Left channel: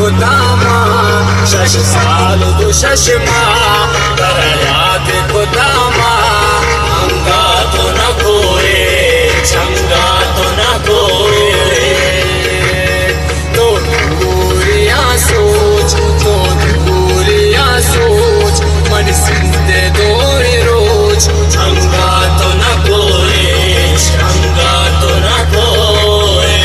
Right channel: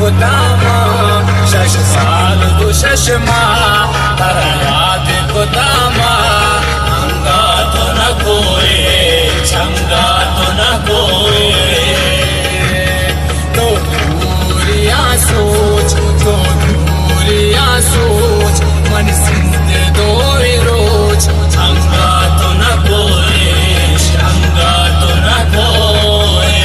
गोदामा शश साल दो शशमा तरयात गोदामा अंगा तो न कोए चंगा तो न कोए तो दूरिया सोच तो दूरिया सोच मन सिंधे दोए रोज चंगा तो न कोए चंगा तो न कोए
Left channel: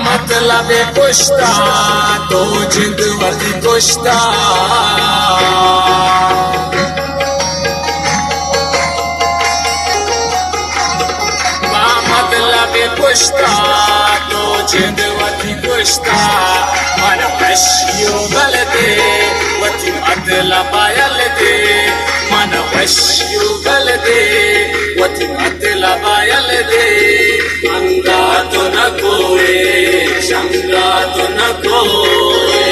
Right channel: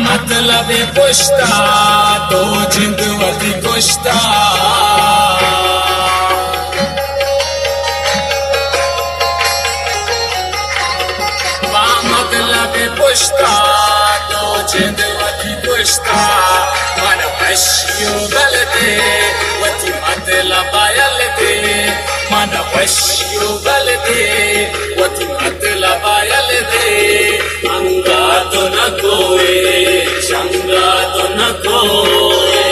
मतलब कुश्ता तो जिंद वती कुश्ता मतलब कुश्ता तो जिंद वती कुश्ता मन वशियो गलते वती मतलब आयलते मन वशियो गलते वती मतलब आयलते अंगा तो न कोए चंगा तो न कोए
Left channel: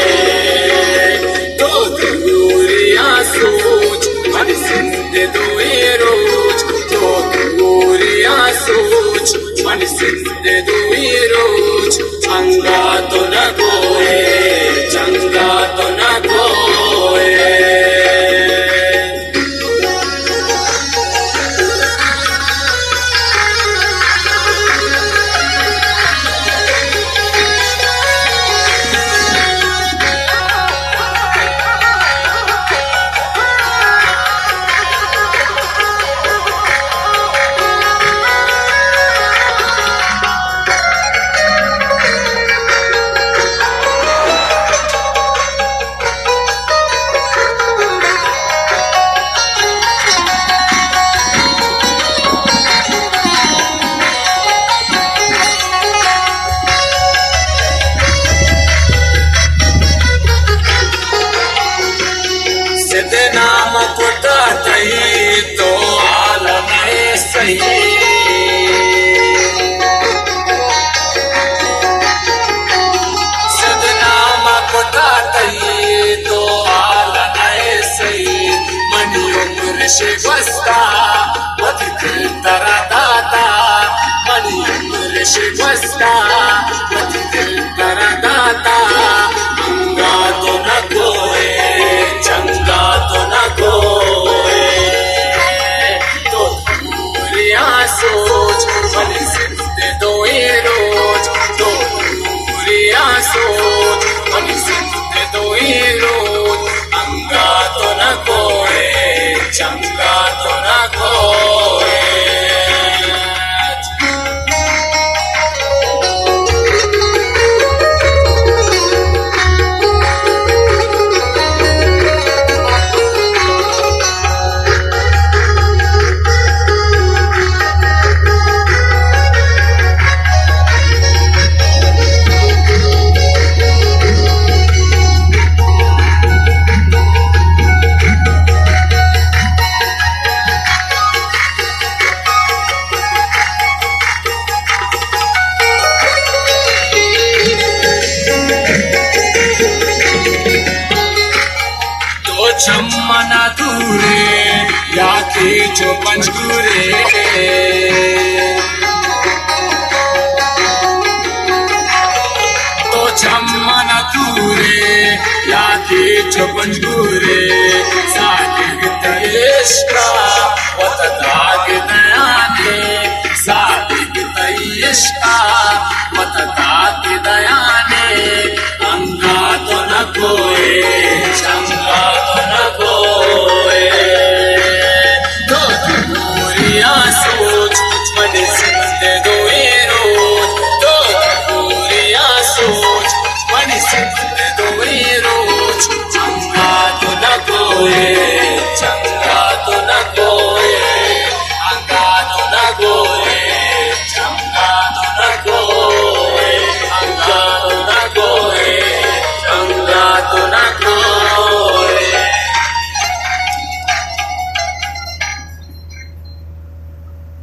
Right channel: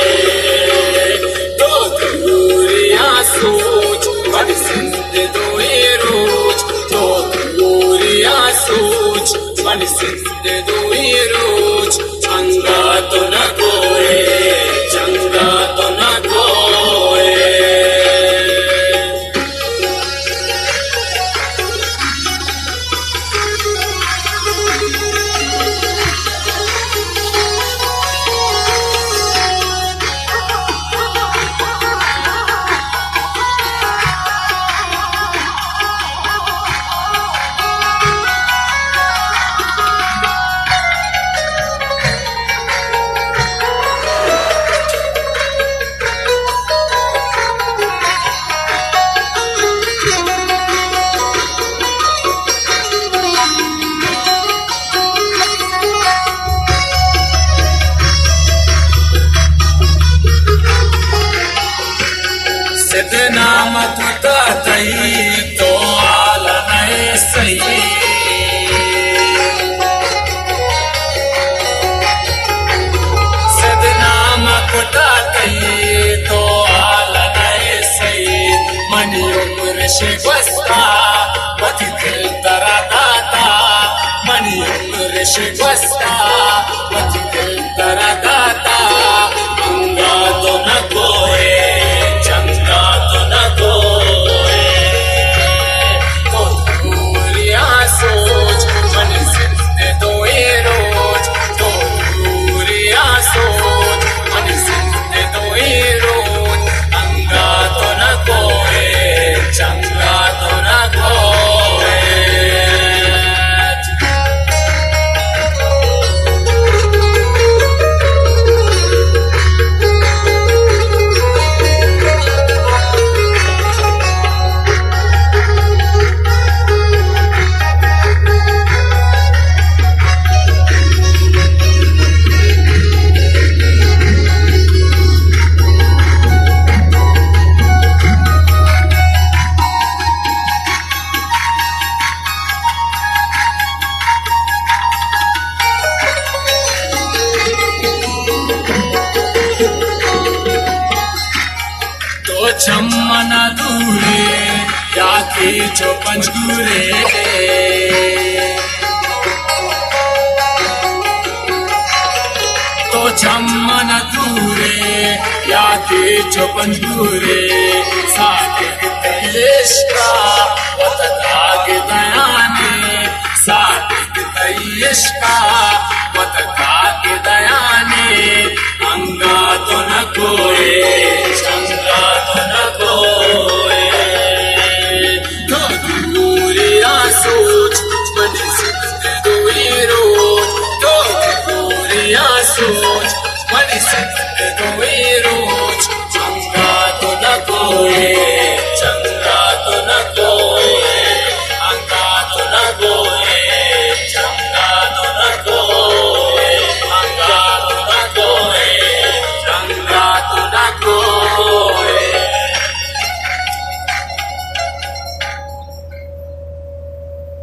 तो दूरिया सोच मन सिंधे दोए रोज तो दूरिया सोच मन सिंधे दोए रोज चंगा तो न कोए चंगा तो न कोए नाम कुटा तई तो आलम सही नाम कुटा तई तो आलम सही मनी उम्र से बसता वती दिल तरा दाता मनी उम्र से बसता वती दिल तरा दाता अंगा तो न कोए चंगा तो न कोए तो दूरिया सोच मन सिंधे दोए रोज तो दूरिया सोच मन सिंधे दोए रोज अंगा तो न कोए चंगा तो न कोए चम्मना दूरे या की जो पंजूरे तो चम्मन दूरे या की जो पंजूरे सागे तयशका वत दाग दयाने सागे तयशका वत दाग दयाने अंगा तो न कोए